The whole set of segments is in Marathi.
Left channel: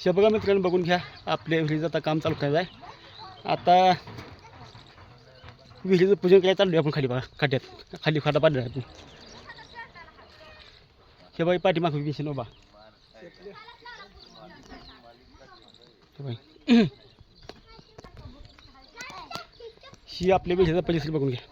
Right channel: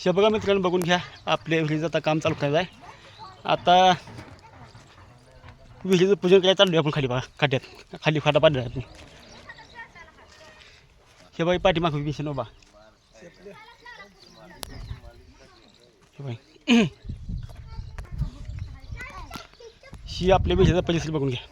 हे बघा मित्रांनो, बघून घ्या. आपल्या विहिरीचं आता काम चालू करायचं आहे. आता विहिरीचं पूजन करायला चालू आहे आपण. खाली बघा खाट्यात, खाली खाटा पाडला आहे आपण. हे बाई पाठीमागं विषय बा. हे बाई ही आपल्या विहिरीचा परिसर बघून घ्या.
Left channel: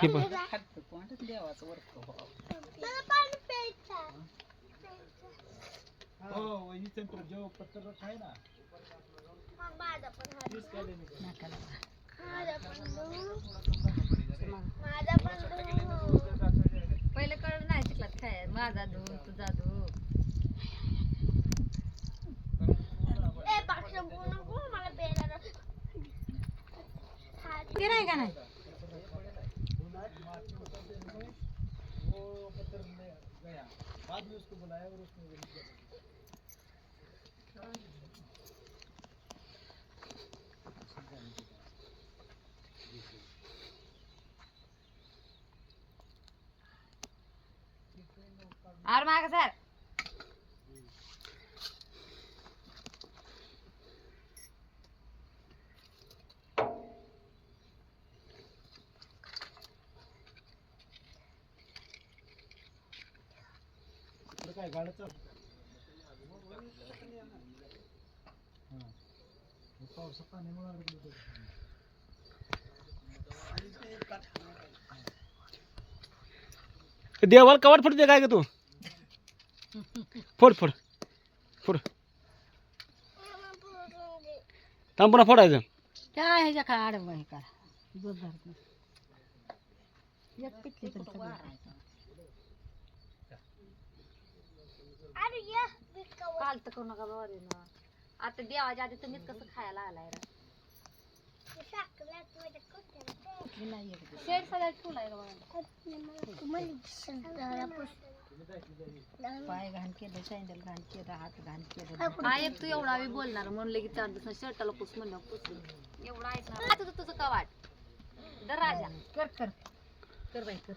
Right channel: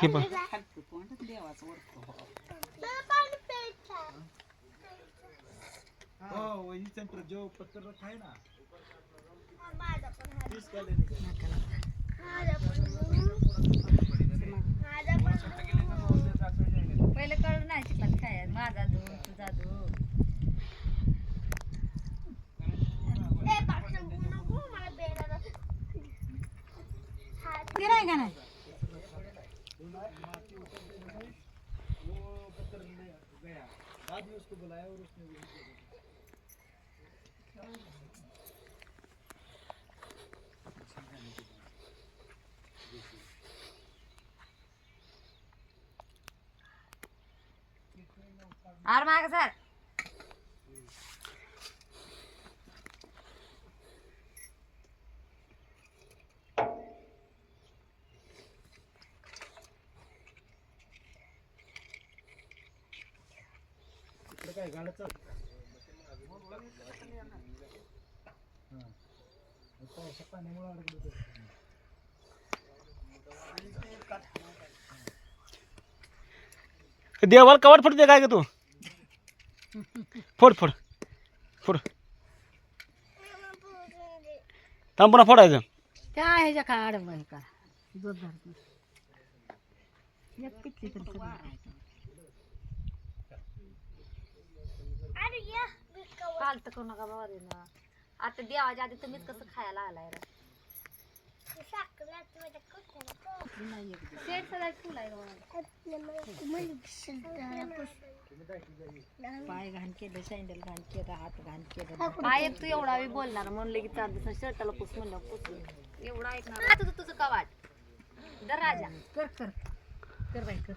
हे बघ पहिले कळलं नाही शिकला काय माझा धू तुझा धू. गिराय का नाही आर माग सर. काय गाडचं देवाला कवाट फुटते काय ग तू? फोड फोड फोड. थांब पुन्हा फोडायचं. त्या ह्याच्या काय आडवं का जोर धरत एक पिकली तरी सगळं पालत करू नका बाबा रे ना. आता देवाच्या आधी तुम्हीच कसं खायला आलाय रे. शेड सगळ्यात ठेवलाय पाय घाण केलं, सँडल घाण केलं, हात घाण केलं. काय तू एवढा वेळ बोलणार म्हणलं की 4 दिवस शर्टाला पुस म्हणलं पुस एवढा ऐकणार. आता तुझं कवाट दर राजा कर कर कर बाई कर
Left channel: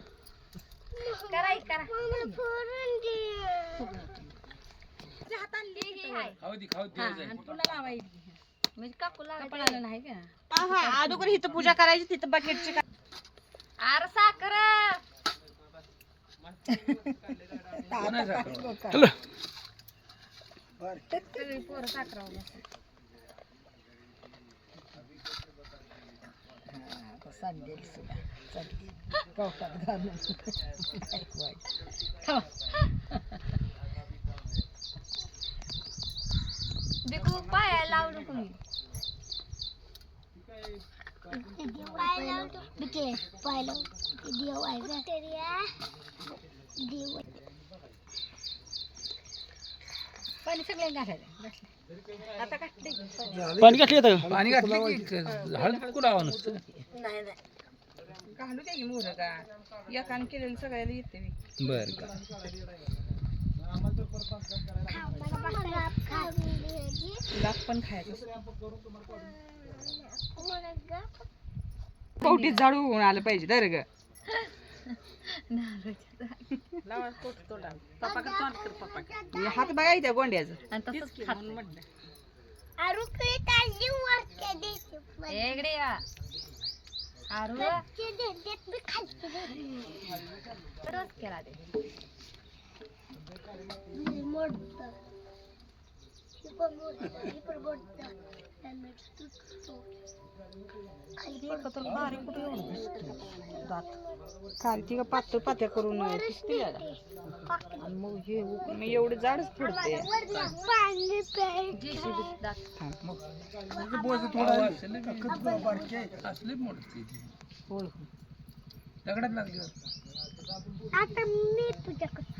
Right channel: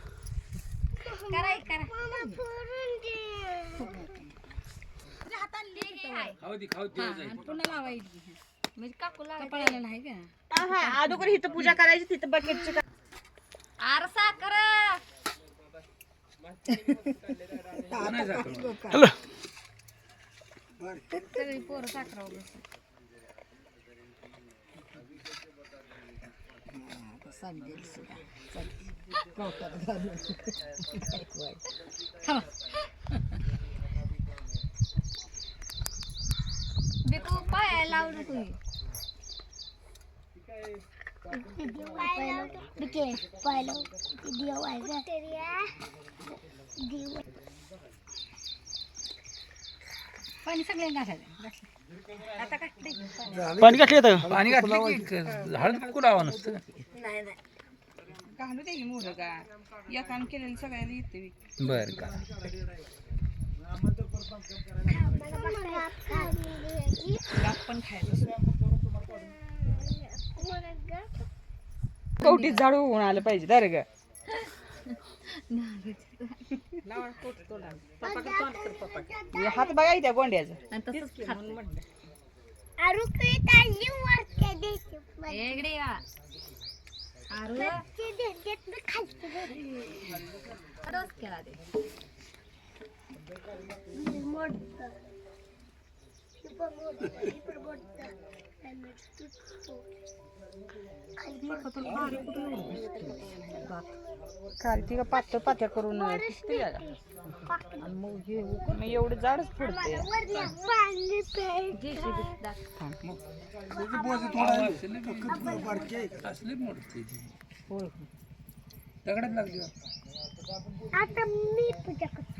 कराय करा. पुन्हा लावायची म्हणजे काकू लावायला नाही का. अगोदर इथं पूजा करायची, तिथं बकेटची. आर साखर हॅलो पोरं साखर बिकू पाय लावलं तुम्ही. पाणी सगळे घालायचं आता काढते पाणी घातलं येतं. पाणी घातलं हळद कुरावं नसतं. नाही नाही घालू दे मोर का एकान केलेलं सगळ्याला येते. बरं का पण खायचं कवटीत झाडू होऊन आलं पाहिजे. दर ग हात बघा त्या गोंड्याचं. खालती का पातळ पात्या करून आणि मग हे मग एवढं जाडच पडते. दगडात लागली आता मी पूजा करतो.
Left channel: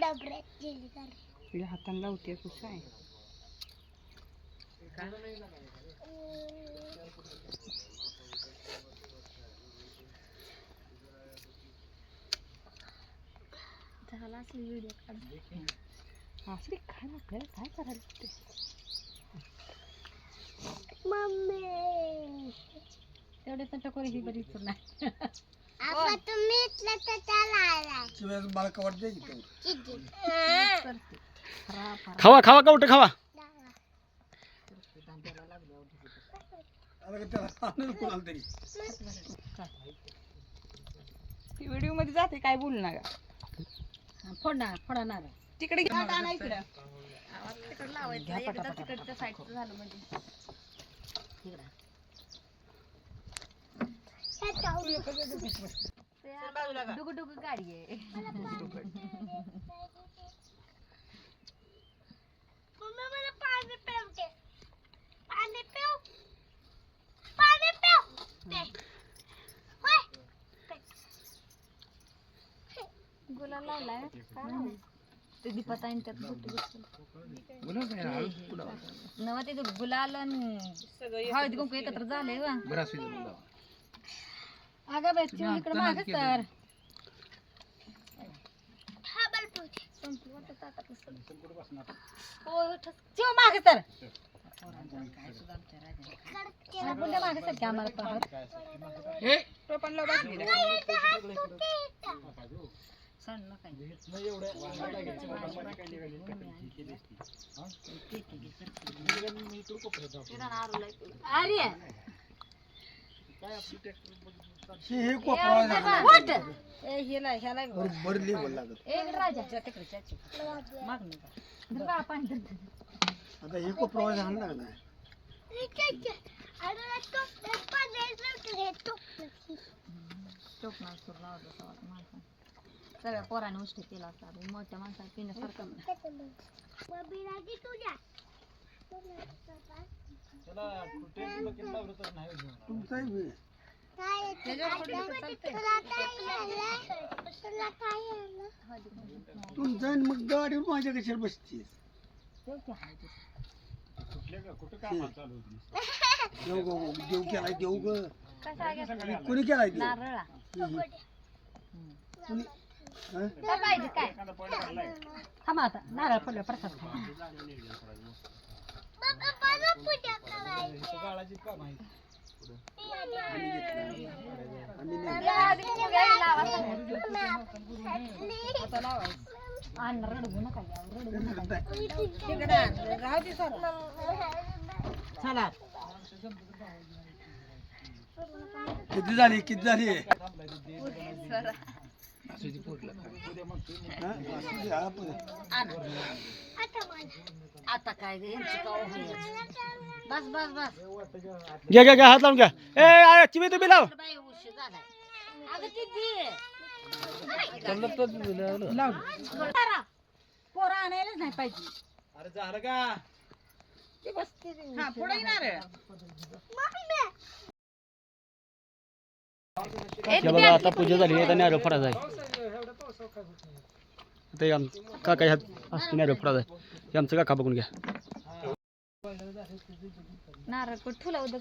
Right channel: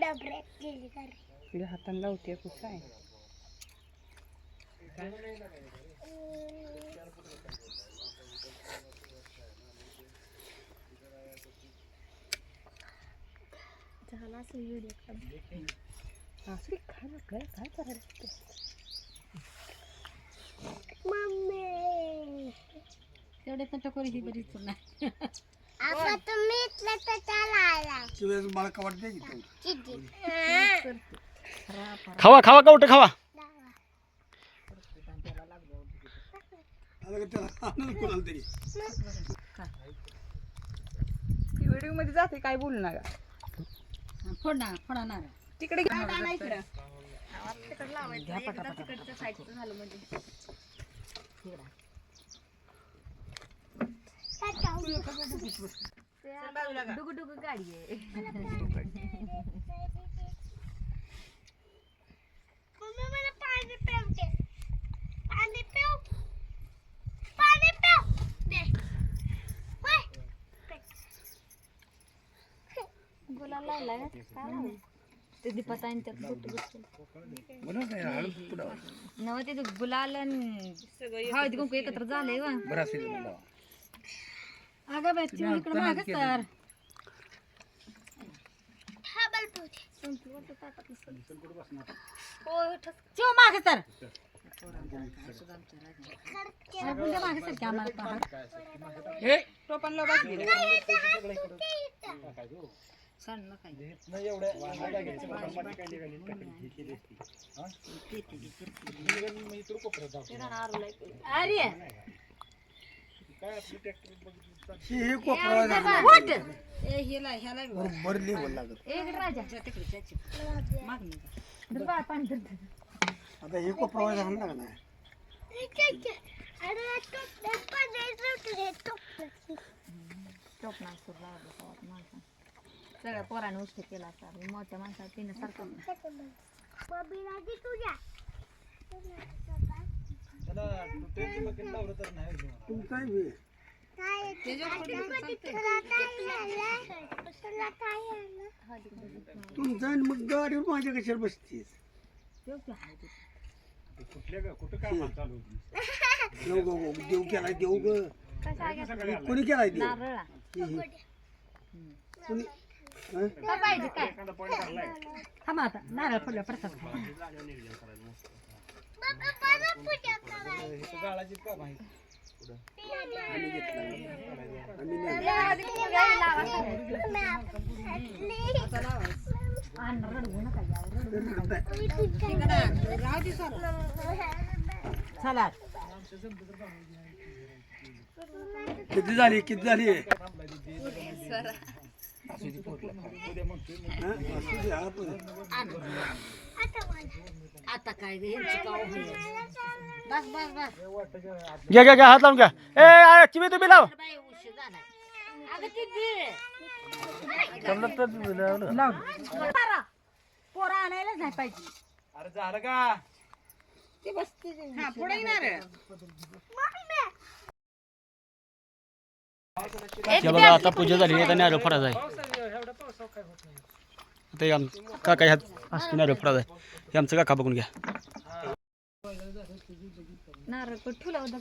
डबऱ्यात गेली का तिला हाताने लावते कसं आहे. झाला असेल व्हिडिओ काढ. असली खायला आपल्याला काय करायला. मम्मी आपण तुम्ही इथलं तर त्याला आलाय मला का वाटते की चिठी खावा खावा कवटं खावा. व्हिडिओ मध्ये जाते काय बोलू नका. तिकडे घे. आणा इकडं. तिकडच्या साईडचं झालं म्हणजे डुगु डुगु गाडी आहे. मम्मी मला पाणी पिऊ दे पाणी पिऊ पाणी पिऊ दे होय गुलाल लावलाय ते दीपाताईंच्यात बोला काय हळद कुठं नव ते गुलाल आणि हळदी कुंकू एकत्र झाले वा. बरं असू दे बोला. अगं बस इकडे मागे तर हा बल पिऊ दे चिव मागे तर बुंड्या मागे सर की आम्हाला पाहत टोपण लाव बाकी दे. सांग काय अरे हे कोपरा वाट बरोबर लेवल लागत. एक राजा दुर्गा पाणी धर. आता हे कोपरा झाला ना अरे तो पाणी रे तो टोपणा सुर लावतो सवात माणसा सगळ्या पोराने उष्ट केला असता मोठ्या माणसाला पिण्यासारखं बबी लागी तुझ्या तुमचाही काय तुला काय आलं तुला काय आलं तुमचा मग गाडीवर माझ्या कशाला बसतीस. देव केलाय देव ग. कोणी केलाय देव? नारळा कोणी? काय पाहिजे काय थांबा आता नारळ पडल्या प्रसाद बाबा मला पूजा करायची आम्ही नाही. रडगू नका चला किती झाली किती झाली? आता काय बस बस बस घ्या घ्या घ्या हात लावून घ्या. ए चिवी तुम्ही लाव. बाई उशीर झालाय अगं किती पोरं आणायलाच नाही पाहिजे. अरे झालं का? हा पुढे येणार हे बघा आता पूजा झाली आता नारळ फोडायचा आहे. आता हे काका ह्यात असतो नारळ फोडायचा आहे. हे आमचं काका बघून घ्या. नारळ कुठे ठेवला होता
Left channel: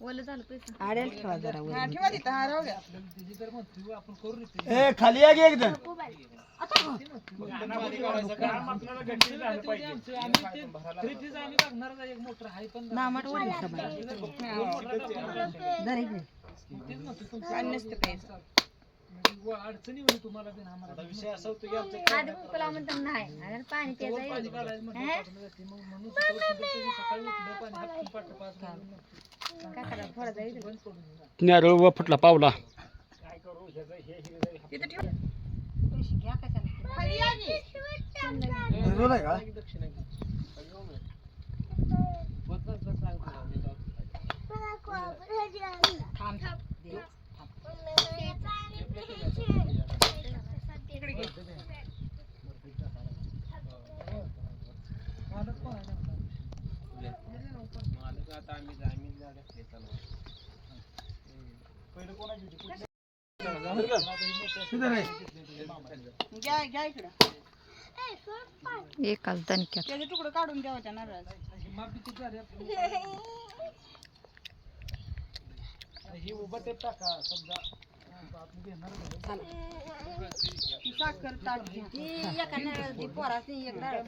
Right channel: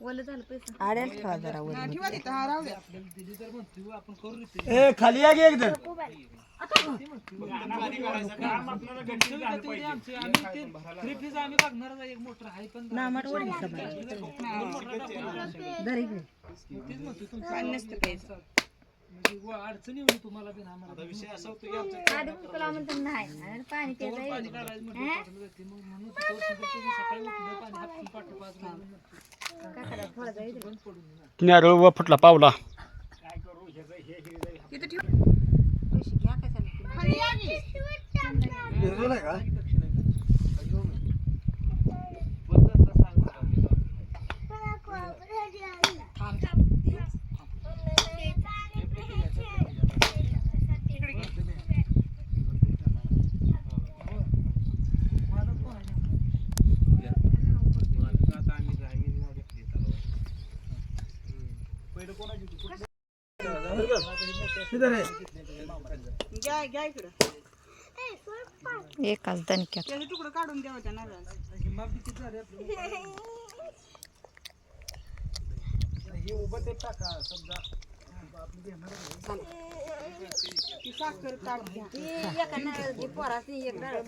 ओलं झालं पैसे आड्याला ठेवा जरा वर. ठेवा तिथं, हा राहू द्या. ए खाली या की एकदम. नामात वडी सभा. घरी घे. पाणी नसतं प्यायचं. आधी कुकला म्हणतात नाही अरे पाणी प्यायचं नारळ व फुटला पावला. तिथं ठेव. पैसे घ्या कशाला खाली या की. निर्जोल आहे का? घ्या घ्या इकडं. एकाच दणक्यात त्याचे तुकडं काढून द्यावं त्या नारळाचं. ती साखर ताट घ्या. ती एका नारळाची पोरासनी एक नारळ